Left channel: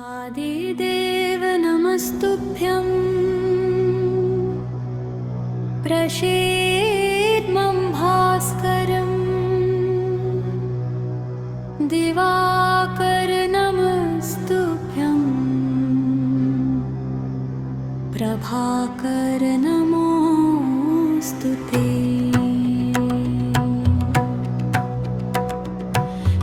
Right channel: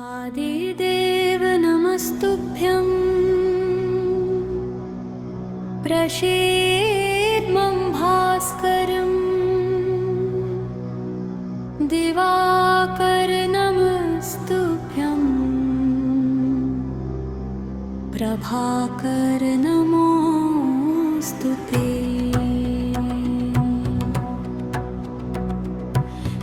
आदिदेव नमस्तुभ्यं प्रसीदमं भास्करं दिवाकर नमस्तुभ्यं प्रभाकर नमोऽस्तुते।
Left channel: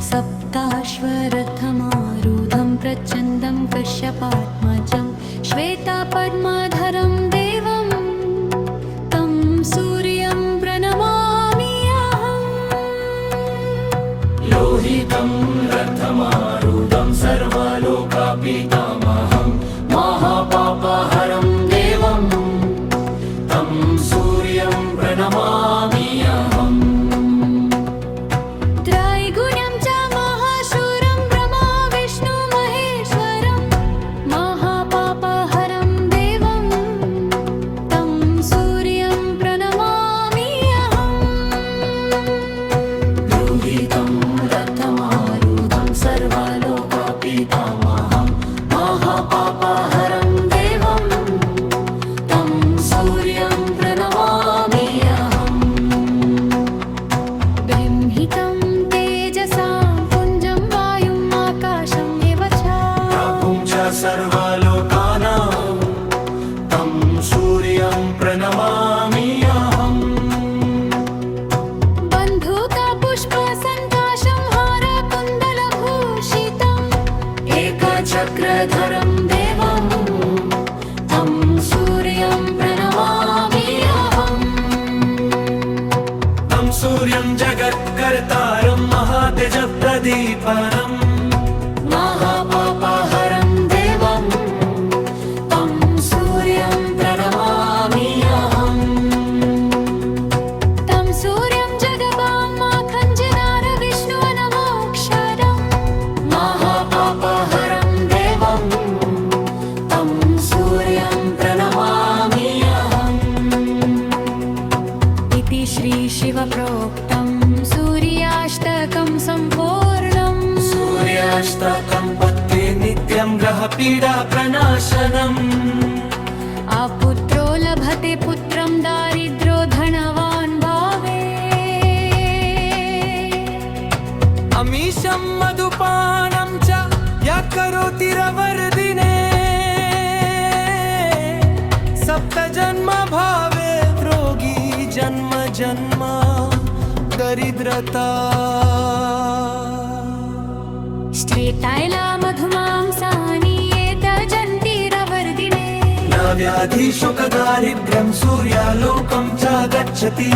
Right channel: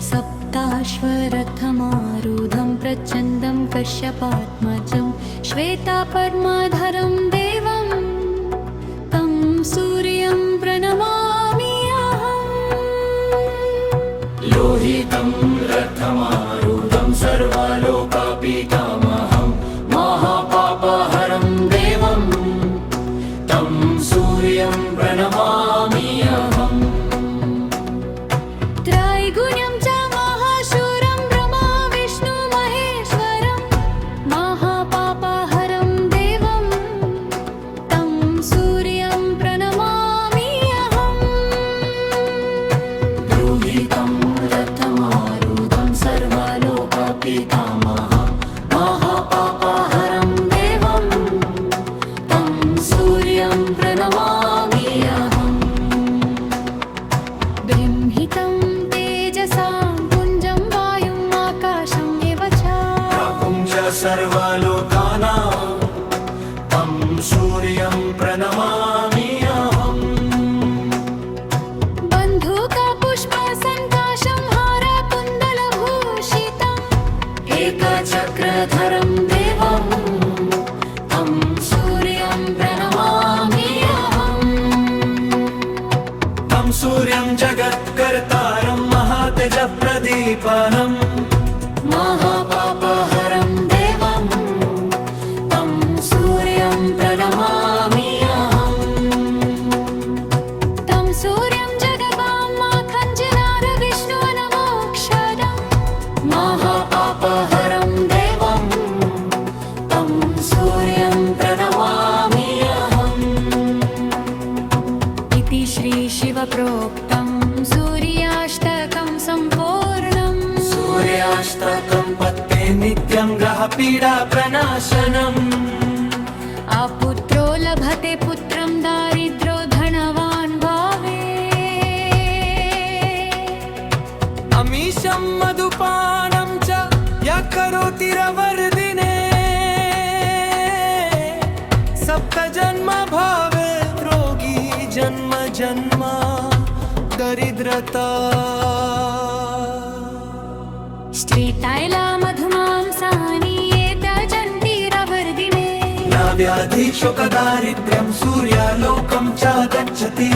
सप्ताश्वरथमारूढं प्रचण्डं कश्यपात्मजं श्वेतापद्मधरं देवं तं सूर्यं प्रणमामि अहम्। लोहितं रथमारूढं सर्वलोकापितामहं महापापहरं देवं तं सूर्यं प्रणमामि अहम्। त्रैगुण्यं च महाशूरं ब्रह्मा विष्णु महेश्वरं महापापहरं देवं तं सूर्यं प्रणमामि अहम्। लोहितं रथमारूढं सर्वलोकापितामहं महापापहरं देवं तं सूर्यं प्रणमामि अहम्। ब्रह्मितं तेजसां पुञ्जं वायुम् आकाशम् एव च प्रभुं च सर्वलोकानां तं सूर्यं प्रणमामि अहम्। बन्धूकपुष्पसङ्काशं हारकुण्डलभूषितम् एकचक्रधरं देवं तं सूर्यं प्रणमामि अहम्। तं सूर्यं जगत्कर्तारं महातेजप्रदीपनं महापापहरं देवं तं सूर्यं प्रणमामि अहम्। तं सूर्यं जगदामाखञ्जनार विष्णुवनमोक्षरम् महापापहरं देवं तं सूर्यं प्रणमामि अहम्। इति श्रीशिवप्रोक्तं सूर्याष्टकं सम्पूर्णम्। सूर्याष्टकं पत्ते नित्यं ग्रहपीडा प्रणाशनम्। अपुत्रो लभते पुत्रं दारिद्रो धनवान् भावे। अमीशं मधुपानं च यः करोति रवर्दिने सप्तजन्म भावे रोगी जन्म जन्म दरिद्रता। श्वेतैला मधुमांसानि एतजन्तिरवर्दिने न व्याधिशोकदारिद्र्यं सूर्यालोकं च गच्छति।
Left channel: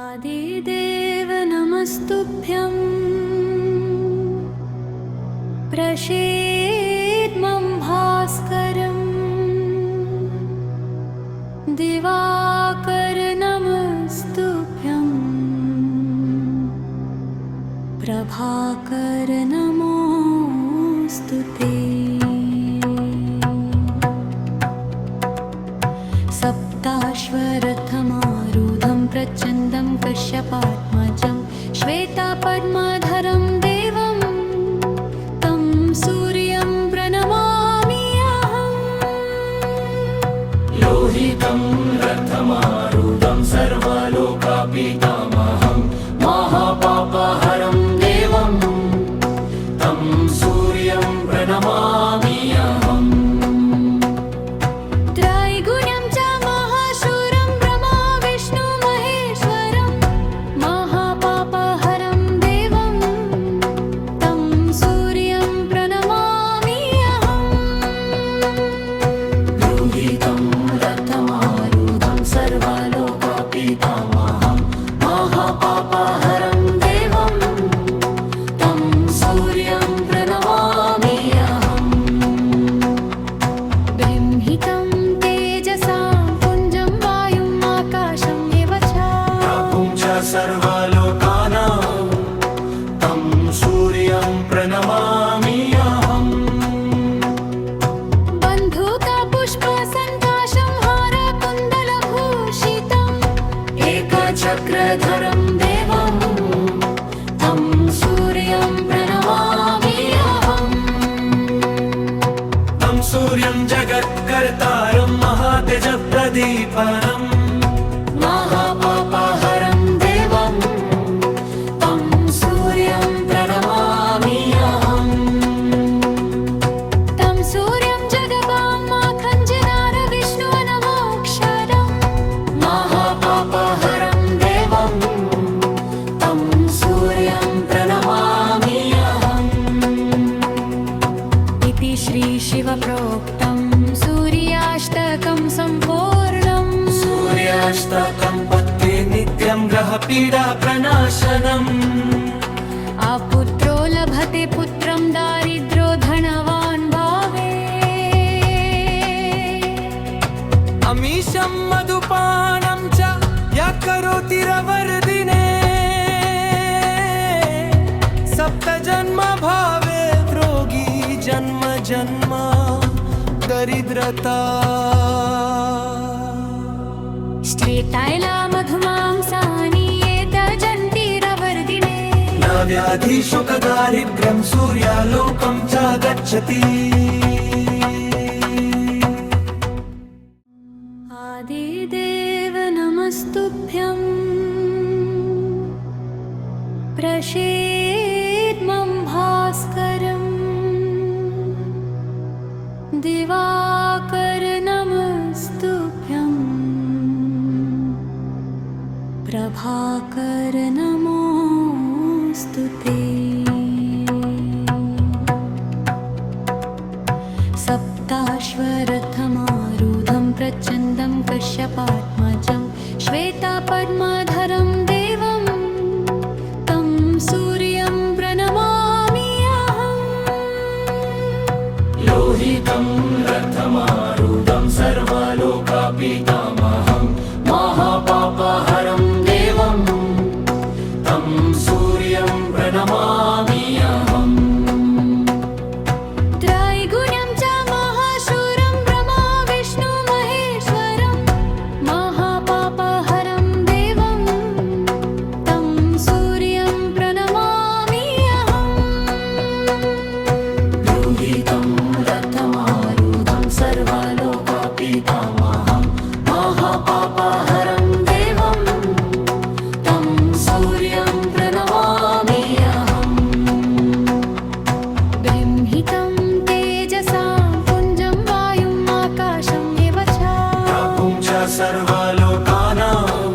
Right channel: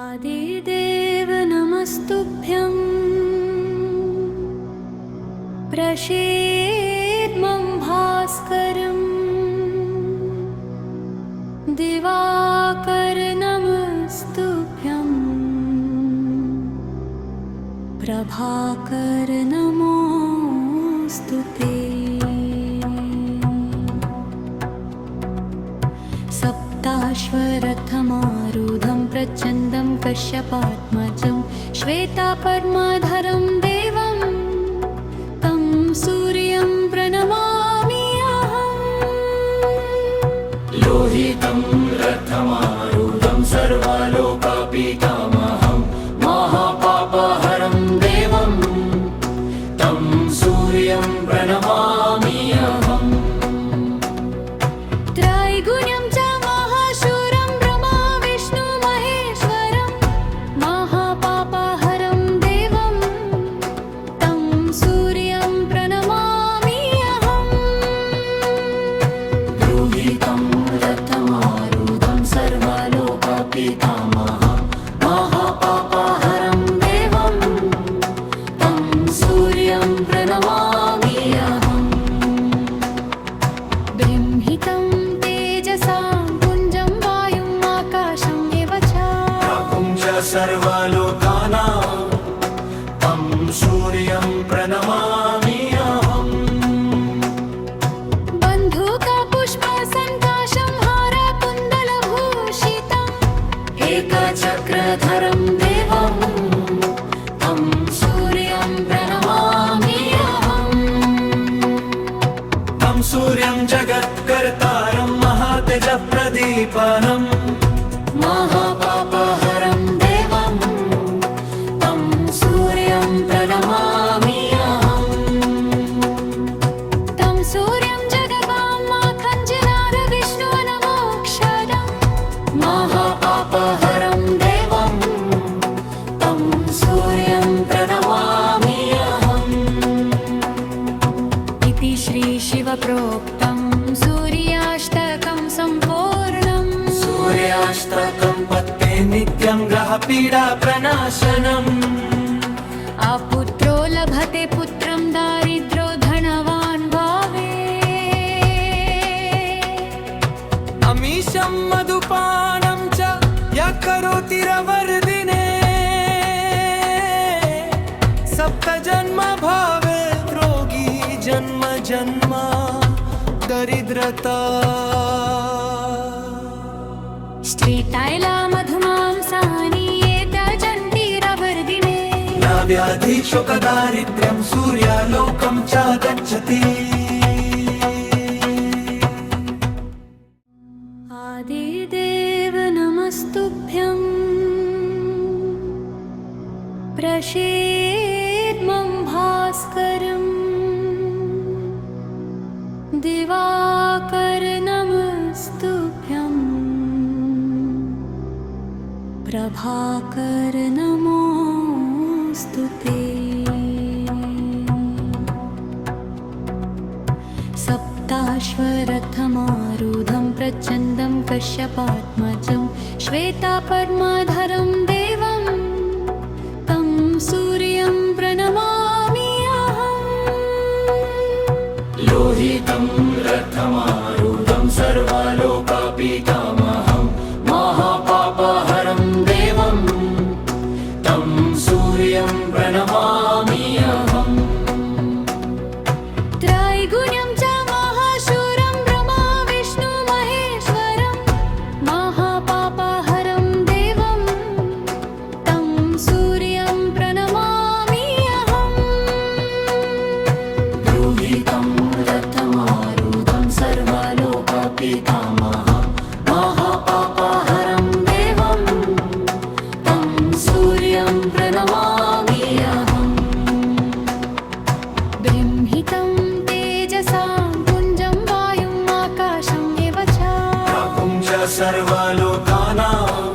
आदिदेव नमस्तुभ्यं प्रसीदमं भास्करं दिवाकर नमस्तुभ्यं प्रभाकर नमोऽस्तुते। सप्ताश्वरथमारूढं प्रचण्डं कश्यपात्मजं श्वेतापद्मधरं देवं तं सूर्यं प्रणमामि अहम्। लोहितं रथमारूढं सर्वलोकापितामहं महापापहरं देवं तं सूर्यं प्रणमामि अहम्। त्रैगुण्यं च महाशूरं ब्रह्मा विष्णु महेश्वरं महापापहरं देवं तं सूर्यं प्रणमामि अहम्। लोहितं रथमारूढं सर्वलोकापितामहं महापापहरं देवं तं सूर्यं प्रणमामि अहम्। ब्रह्मितं तेजसां पुञ्जं वायुम् आकाशम् एव च प्रभुं च सर्वलोकानां तं सूर्यं प्रणमामि अहम्। बन्धूकपुष्पसङ्काशं हारकुण्डलभूषितम् एकचक्रधरं देवं तं सूर्यं जगत्कर्तारं महातेजप्रदीपनम् महापापहरं देवं तं सूर्यं प्रणमामि अहम् तं सूर्यं जगदामाखञ्जनार विष्णुवनमोक्षरम् महापापहरं देवं तं सूर्यं प्रणमामि अहम् इति श्रीशिवप्रोक्तं सूर्याष्टकं सम्पूर्णम् सूर्याष्टकं पत्ते नित्यं ग्रहपीडा प्रणाशनम् अपुत्रो लभते पुत्रं दारिद्रो धनवान् भावे अमीशं मधुपानं च यः करोति रवर्दिने सप्तजन्म भावेत् रोगी जन्म जन्म दरिद्रता श्वेतायला मधुमांसानि एतजन्तिरवर्दिने न व्याधिशोकदारिद्र्यं सूर्यालोकं च गच्छति आदिदेव नमस्तुभ्यं प्रसीदमं भास्करम् दिवाकर नमस्तुभ्यं प्रभाकर नमोऽस्तुते सप्ताश्वरथमारूढं प्रचण्डं कश्यपात्मजं श्वेतापद्मधरं देवं तं सूर्यं प्रणमामि अहम् लोहितं रथमारूढं सर्वलोकापितामहं महापापहरं देवं तं सूर्यं प्रणमामि अहम् त्रैगुण्यं च महाशूरं ब्रह्मा विष्णु महेश्वरं महापापहरं देवं तं सूर्यं प्रणमामि अहम् लोहितं रथमारूढं सर्वलोकापितामहं महापापहरं देवं तं सूर्यं प्रणमामि अहम् ब्रह्मितं तेजसां पुञ्जं वायुम् आकाशम् एव च प्रभुं च सर्वलोकानां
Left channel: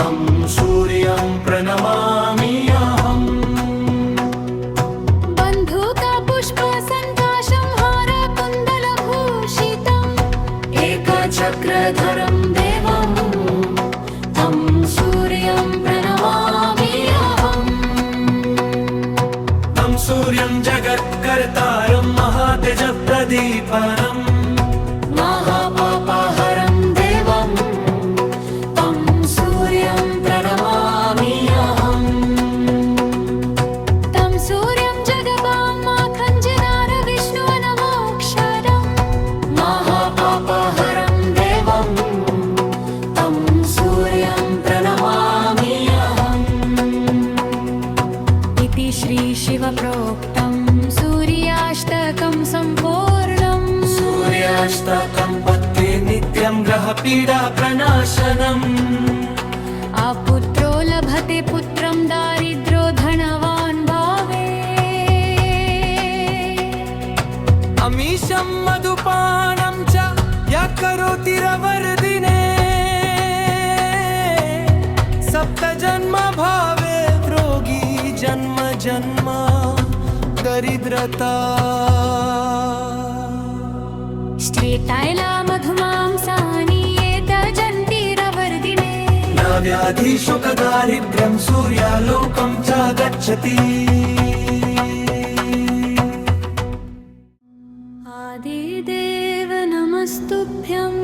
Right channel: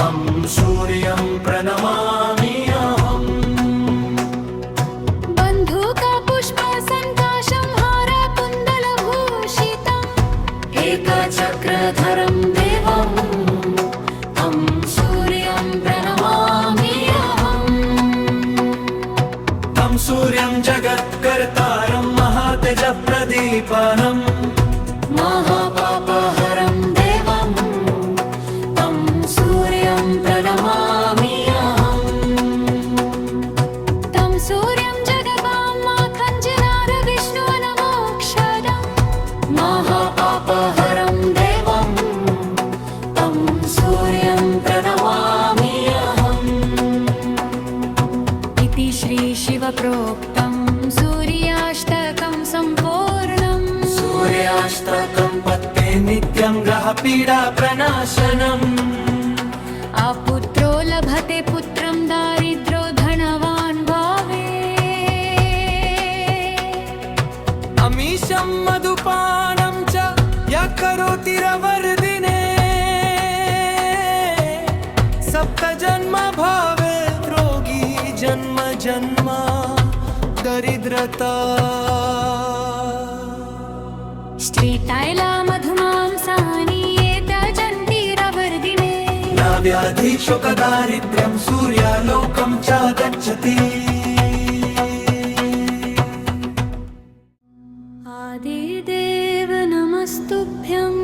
तं सूर्यं प्रणमामि अहम् बन्धूकपुष्पसङ्काशं हारकुण्डलभूषितम् एकचक्रधरं देवं तं सूर्यं प्रणमामि अहम् तं सूर्यं जगत्कर्तारं महातेजप्रदीपनम् महापापहरं देवं तं सूर्यं प्रणमामि अहम् तं सूर्यं जगदामाखञ्जनार विष्णुवनमोक्षरम् महापापहरं देवं तं सूर्यं प्रणमामि अहम् इति श्रीशिवप्रोक्तं सूर्याष्टकं सम्पूर्णम् सूर्याष्टकं पत्ते नित्यं ग्रहपीडा प्रणाशनम् अपुत्रो लभते पुत्रं दारिद्रो धनवान् भावे अमीशं मधुपानं च यः करोति रवर्दिने सप्तजन्म भावेत् रोगी जन्म जन्म दरिद्रता श्वेतायला मधुमांसानि एतजन्तिरवर्दिने न व्याधिशोकदारिद्र्यं सूर्यालोकं च गच्छति आदिदेव नमस्तुभ्यं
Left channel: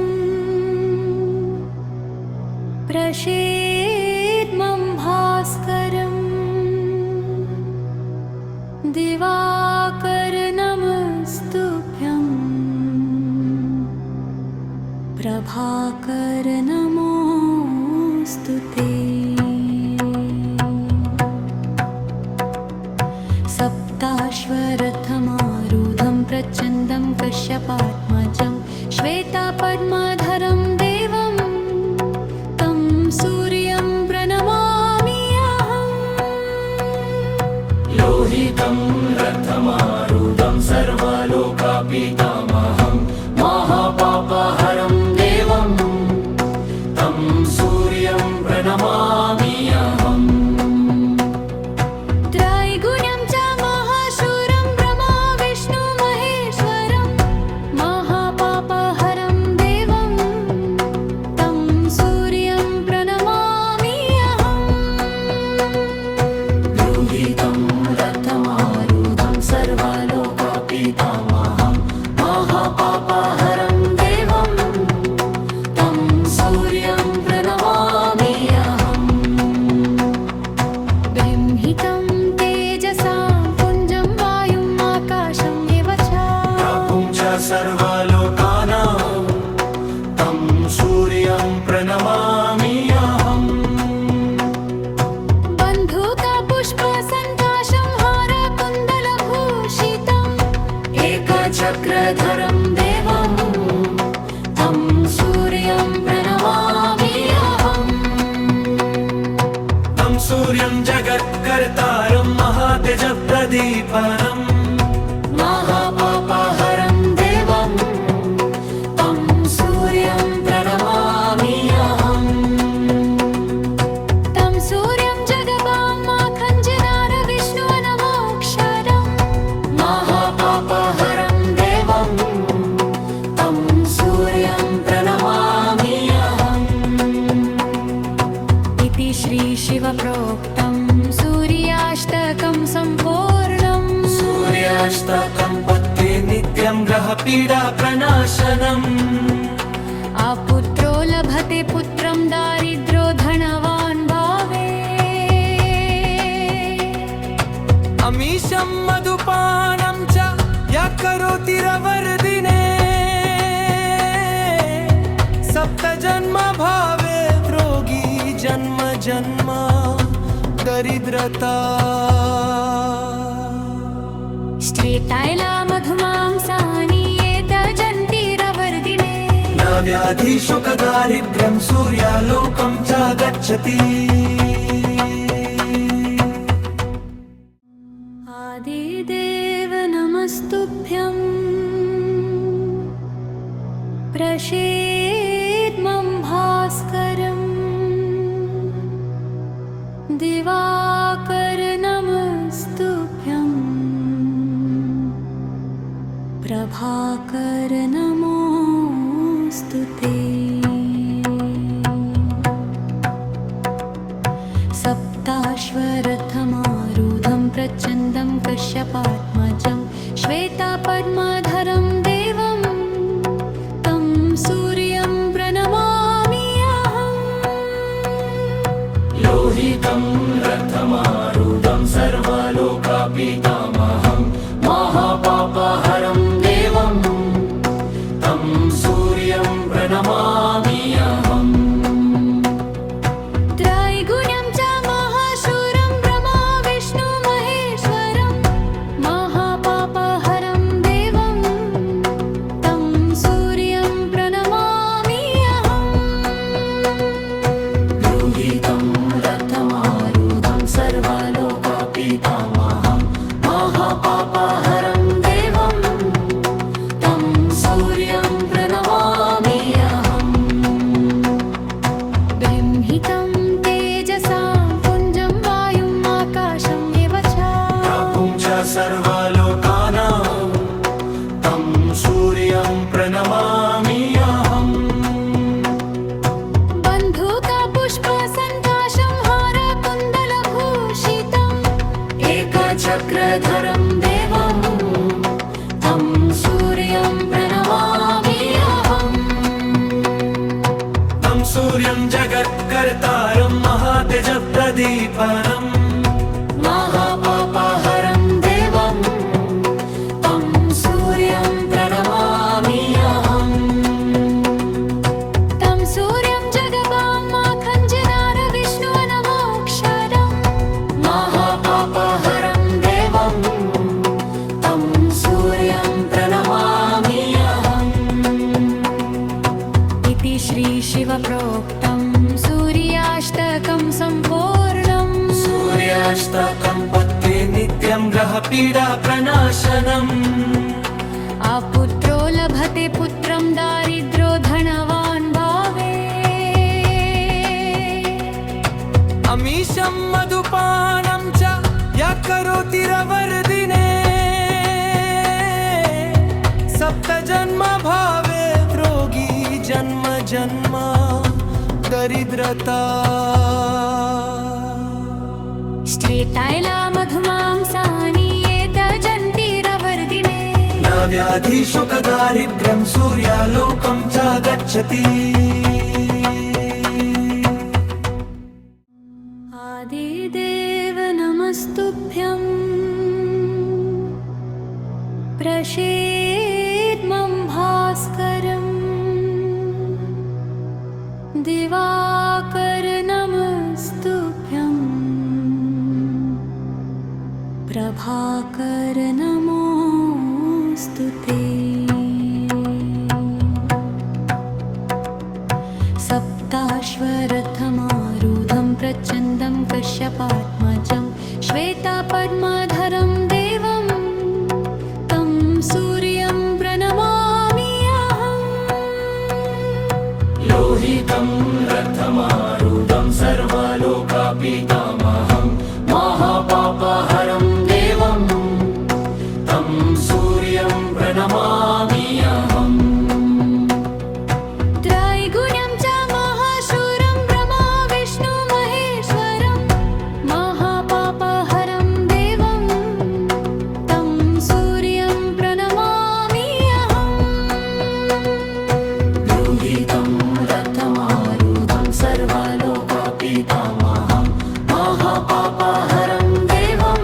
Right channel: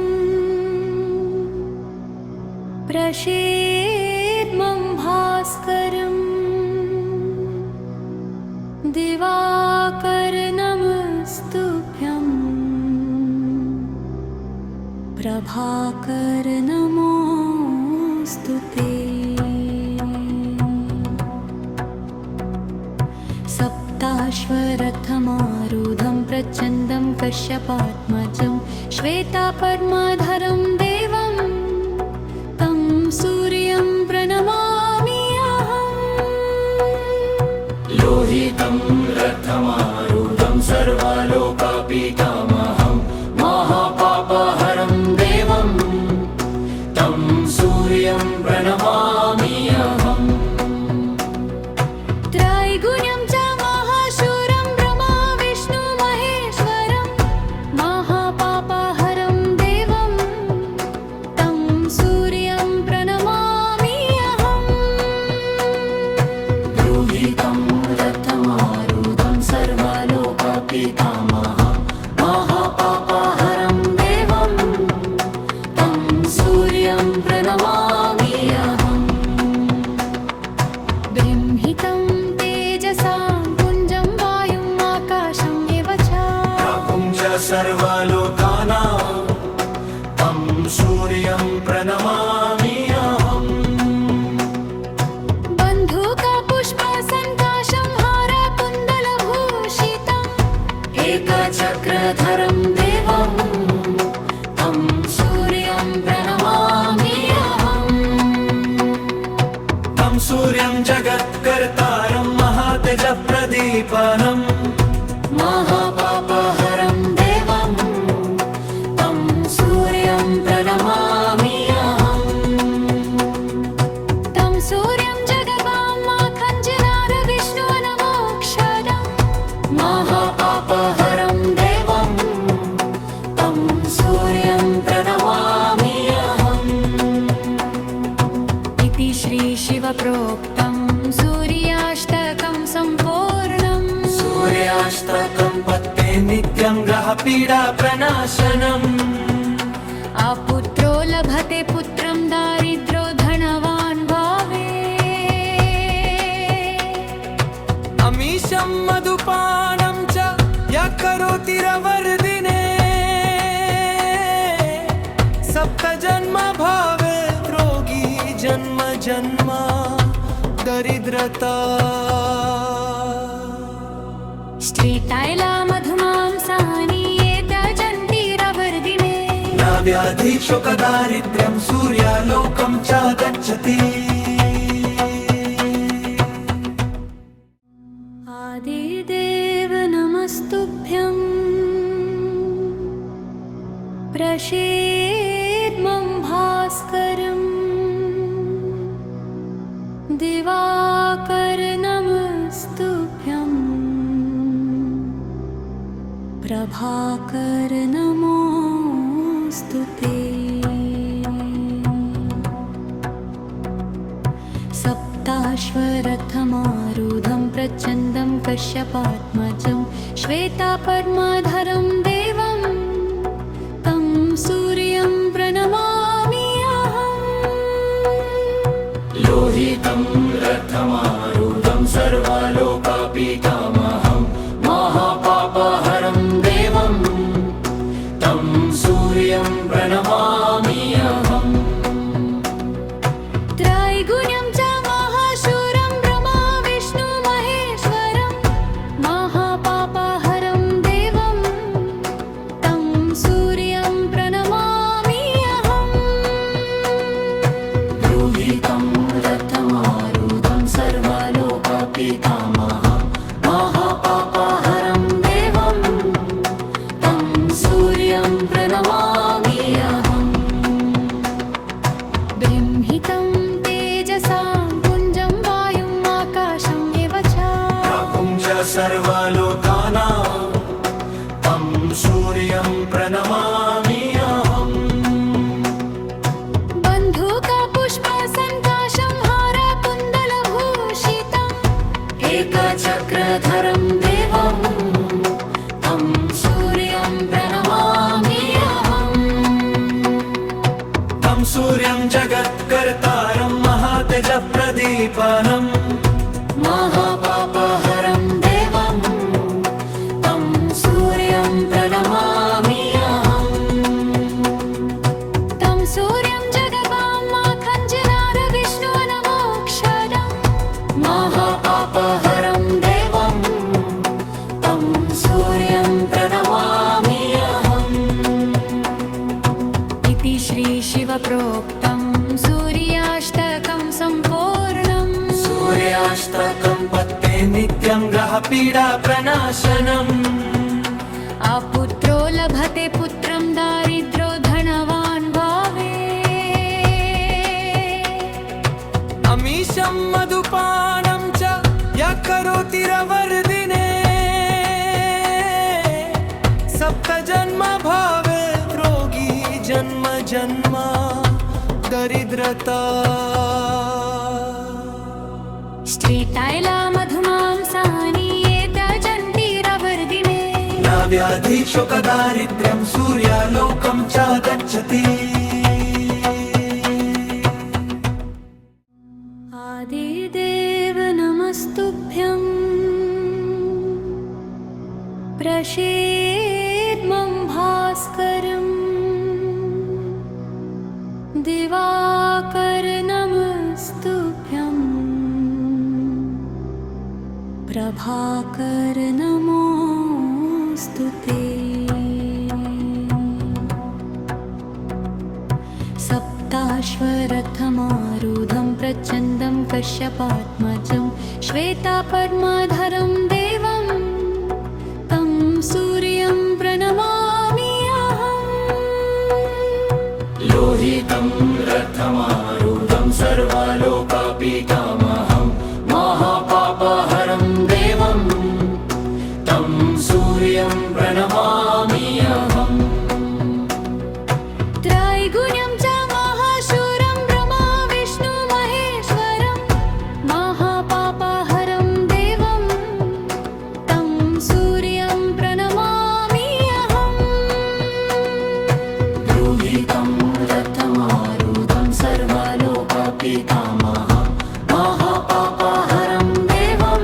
प्रसीदमं भास्करम् दिवाकर नमस्तुभ्यं प्रभाकर नमोऽस्तुते सप्ताश्वरथमारूढं प्रचण्डं कश्यपात्मजं श्वेतापद्मधरं देवं तं सूर्यं प्रणमामि अहम्। लोहितं रथमारूढं सर्वलोकपितामहं महापापहरं देवं तं सूर्यं प्रणमामि अहम्। त्रैगुण्यं च महाशूरं ब्रह्मा विष्णु महेश्वरं महापापहरं देवं तं सूर्यं प्रणमामि अहम्। लोहितं रथमारूढं सर्वलोकपितामहं महापापहरं देवं तं सूर्यं प्रणमामि अहम्। बृंहितं तेजसां पुञ्जं वायुम् आकाशम् एव च प्रभुं च सर्वलोकानां तं सूर्यं प्रणमामि अहम्। बन्धूकपुष्पसन्काशं हारकुण्डलभूषितम् एकचक्रधरं देवं तं सूर्यं प्रणमामि अहम्। तं सूर्यं जगत्कर्तारं महातेजप्रदीपनं महापापहरं देवं तं सूर्यं प्रणमामि अहम्। तं सूर्यं जगदामाखञ्जनार विष्णुवनमोक्षदं महापापहरं देवं तं सूर्यं प्रणमामि अहम्। इति श्रीशिवप्रोक्तं सूर्याष्टकं सम्पूर्णम्। सूर्याष्टकं पठ्ये नित्यं ग्रहपीडा प्रणाशनम्। अपुत्रो लभते पुत्रं दारिद्रो धनवान् भावे। अमीशं मधुपानं च यः करोति रवर्दिने सप्तजन्म भावेत् रोगी जन्म जन्म दरिद्रता। श्वेतैला मधुमांसानि एतजन्तिरवर्दिने न व्याधिशोकदारिद्र्यं सूर्यालोकं च गच्छति। आदिदेव नमस्तुभ्यं प्रसीदमं भास्करं दिवाकर नमस्तुभ्यं प्रभाकर नमोऽस्तु ते। सप्ताश्वरथमारूढं प्रचण्डं कश्यपात्मजं श्वेतापद्मधरं देवं तं सूर्यं प्रणमामि अहम्। लोहितं रथमारूढं सर्वलोकपितामहं महापापहरं देवं तं सूर्यं प्रणमामि अहम्। त्रैगुण्यं च महाशूरं ब्रह्मा विष्णु महेश्वरं महापापहरं देवं तं सूर्यं प्रणमामि अहम्। लोहितं रथमारूढं सर्वलोकपितामहं महापापहरं देवं तं सूर्यं प्रणमामि अहम्। बृंहितं तेजसां पुञ्जं वायुम् आकाशम् एव च प्रभुं च सर्वलोकानां तं सूर्यं प्रणमामि अहम्। बन्धूकपुष्पसन्काशं हारकुण्डलभूषितम् एकचक्रधरं देवं तं सूर्यं प्रणमामि अहम्। तं सूर्यं जगत्कर्तारं महातेजप्रदीपनं महापापहरं देवं तं सूर्यं प्रणमामि अहम्। तं सूर्यं जगदामाखञ्जनार विष्णुवनमोक्षदं महापापहरं देवं श्रीशिवप्रोक्तं सूर्याष्टकं सम्पूर्णम् सूर्याष्टकं पत्ते नित्यं ग्रहपीडा प्रणाशनम् अपुत्रो लभते पुत्रं दारिद्रो धनवान् भावे अमीशं मधुपानं च यः करोति रवर्दिने सप्तजन्म भवेत् रोगी जन्म जन्म दरिद्रता श्वेतायला मधुमांसानि ये त्यजन्ति रवर्दिने न व्याधि शोकदारिद्र्यं सूर्यालोकं च गच्छति आदिदेव नमस्तुभ्यं प्रसीदमं भास्करम् दिवाकर नमस्तुभ्यं प्रभाकर नमोऽस्तुते सप्ताश्वरथमारूढं प्रचण्डं कश्यपात्मजं श्वेतापद्मधरं देवं तं सूर्यं प्रणमामि अहम् लोहितं रथमारूढं सर्वलोकापितामहं महापापहरं देवं तं सूर्यं प्रणमामि अहम् त्रैगुण्यं च महाशूरं ब्रह्मा विष्णु महेश्वरं महापापहरं देवं तं सूर्यं प्रणमामि अहम् लोहितं रथमारूढं सर्वलोकापितामहं महापापहरं देवं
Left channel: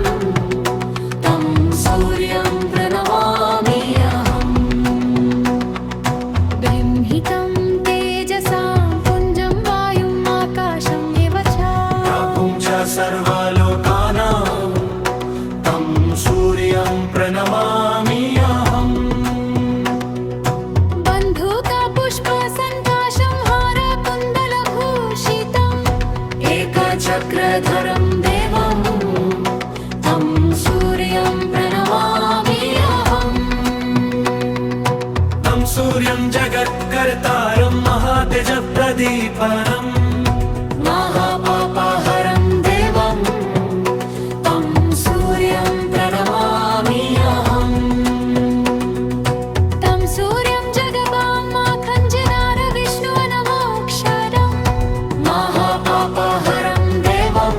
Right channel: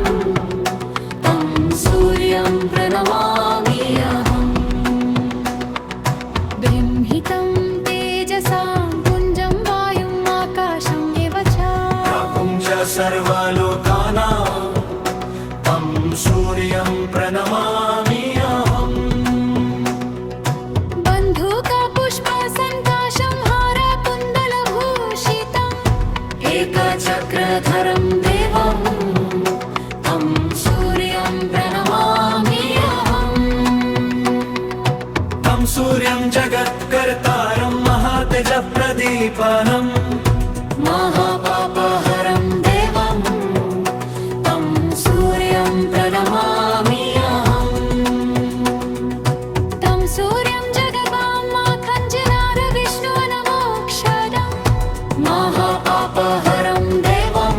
तं सूर्यं प्रणमामि अहम् बृंहितं तेजसां पुञ्जं वायुम् आकाशम् एव च प्रभुं च सर्वलोकानां तं सूर्यं प्रणमामि अहम् बन्धुकपुष्पसन्काशं हारकुण्डलभूषितम् एकचक्रधरं देवं तं सूर्यं प्रणमामि अहम् तं सूर्यं जगत्कर्तारं महातेजप्रदीपनं महापापहरं देवं तं सूर्यं प्रणमामि अहम् तं सूर्यं जगदामाखञ्जनार विष्णुवनमोक्षरं महापापहरं देवं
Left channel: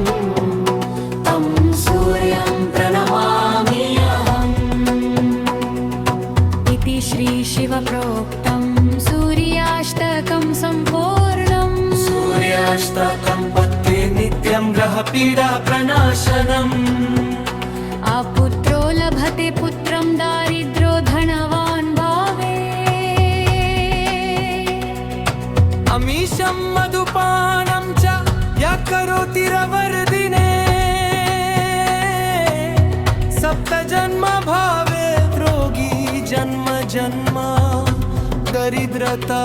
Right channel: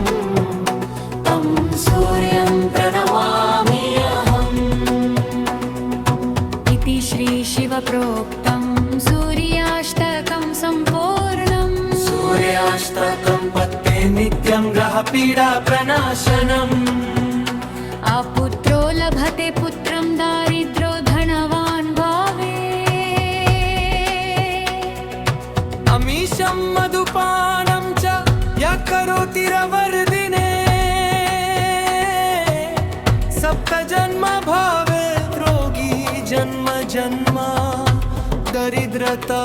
तं सूर्यं प्रणमामि अहम् इति श्रीशिवप्रोक्तं सूर्याष्टकं सम्पूर्णम् सूर्याष्टकं पत्ते नित्यं ग्रहपीडा प्रणाशनम् अपुत्रो लभते पुत्रं दारिद्रो धनवान् भावे अमीशं मधुपानं च यः करोति रवर्दिने सप्तजन्म भवेत् रोगी जन्म जन्म दरिद्रता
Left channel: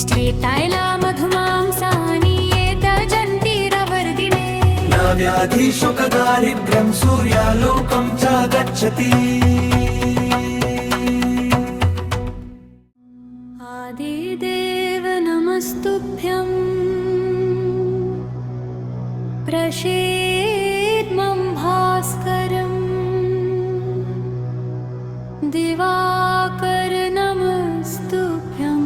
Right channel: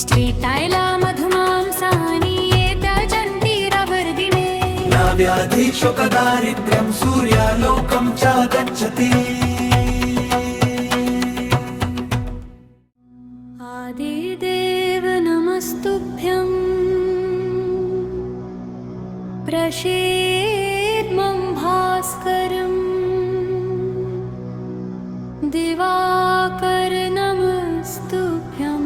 श्वेतायला मधुमांसानि ये त्यजन्ति रवर्दिने न व्याधि शोकदारिद्र्यं सूर्यालोकं च गच्छति आदिदेव नमस्तुभ्यं प्रसीदमं भास्करम् दिवाकर नमस्तुभ्यं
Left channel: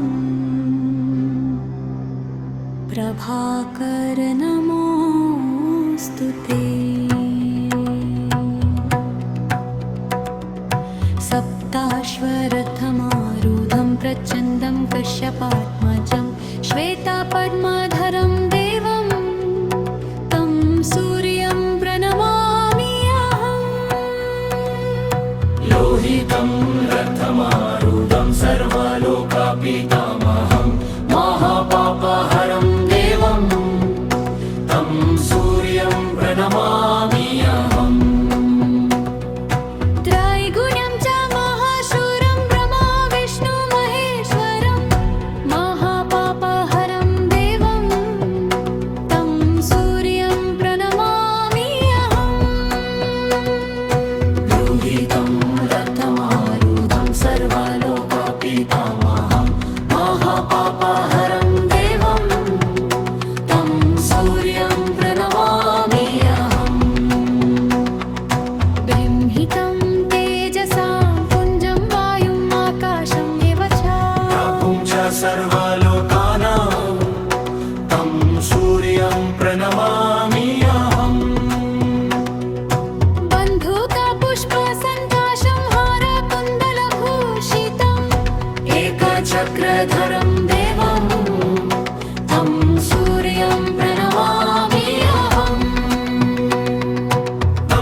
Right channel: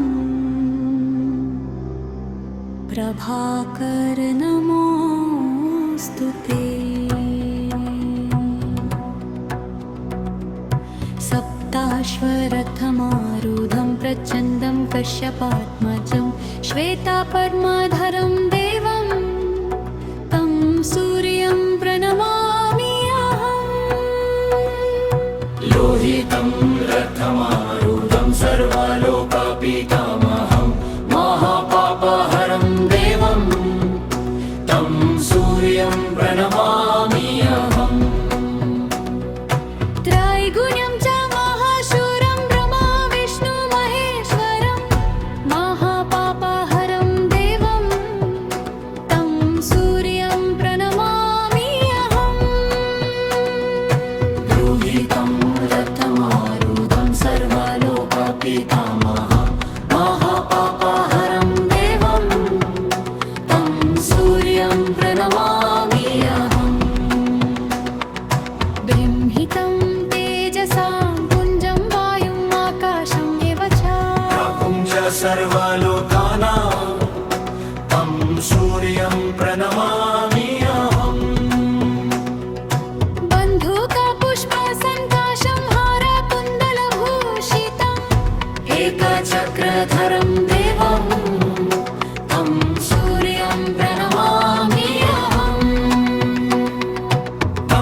प्रभाकर नमोऽस्तुते सप्ताश्वरथमारूढं प्रचण्डं कश्यपात्मजं श्वेतापद्मधरं देवं तं सूर्यं प्रणमामि अहम् लोहितं रथमारूढं सर्वलोकापितामहं महापापहरं देवं तं सूर्यं प्रणमामि अहम् त्रैगुण्यं च महाशूरं ब्रह्मा विष्णु महेश्वरं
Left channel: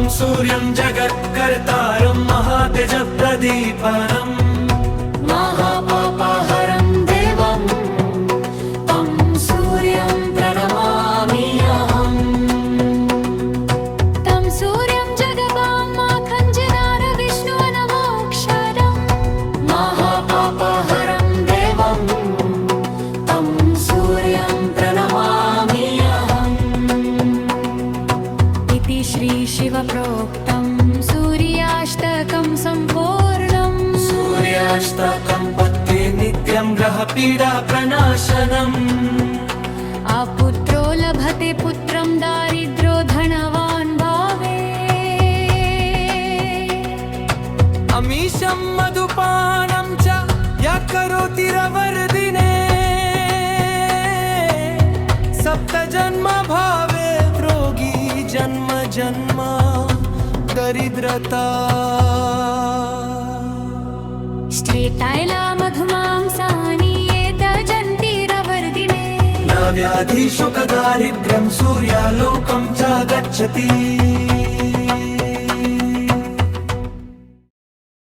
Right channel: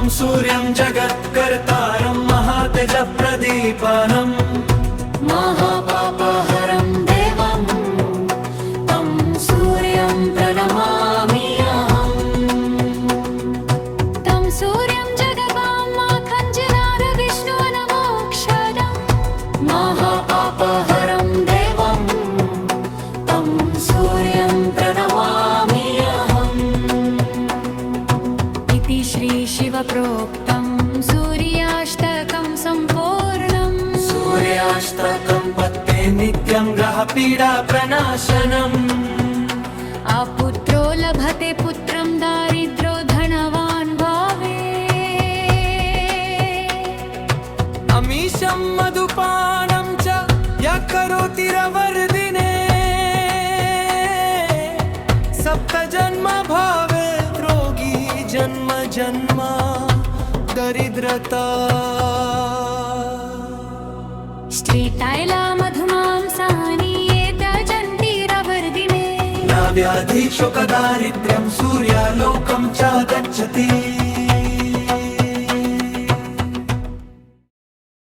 तं सूर्यं जगत्कर्तारं महातेजप्रदीपनम् महापापहरं देवं तं सूर्यं प्रणमामि अहम् तं सूर्यं जगदां माखञ्जनार विष्णु नमोऽक्षरम् महापापहरं देवं तं सूर्यं प्रणमामि अहम् इति श्रीशिवप्रोक्तं सूर्याष्टकं सम्पूर्णम् सूर्याष्टकं पत्ते नित्यं ग्रहपीडा प्रणाशनम् अपुत्रो लभते पुत्रं दारिद्रो धनवान् भावे अमीशं मधुपानं च यः करोति रवर्दिने सप्तजन्म भावेत् रोगी जन्म जन्म दरिद्रता श्वेतायला मधुमांसानि एतजन्तिरवर्दिने न व्याधि शोकदारिद्र्यं सूर्यालोकं च गच्छति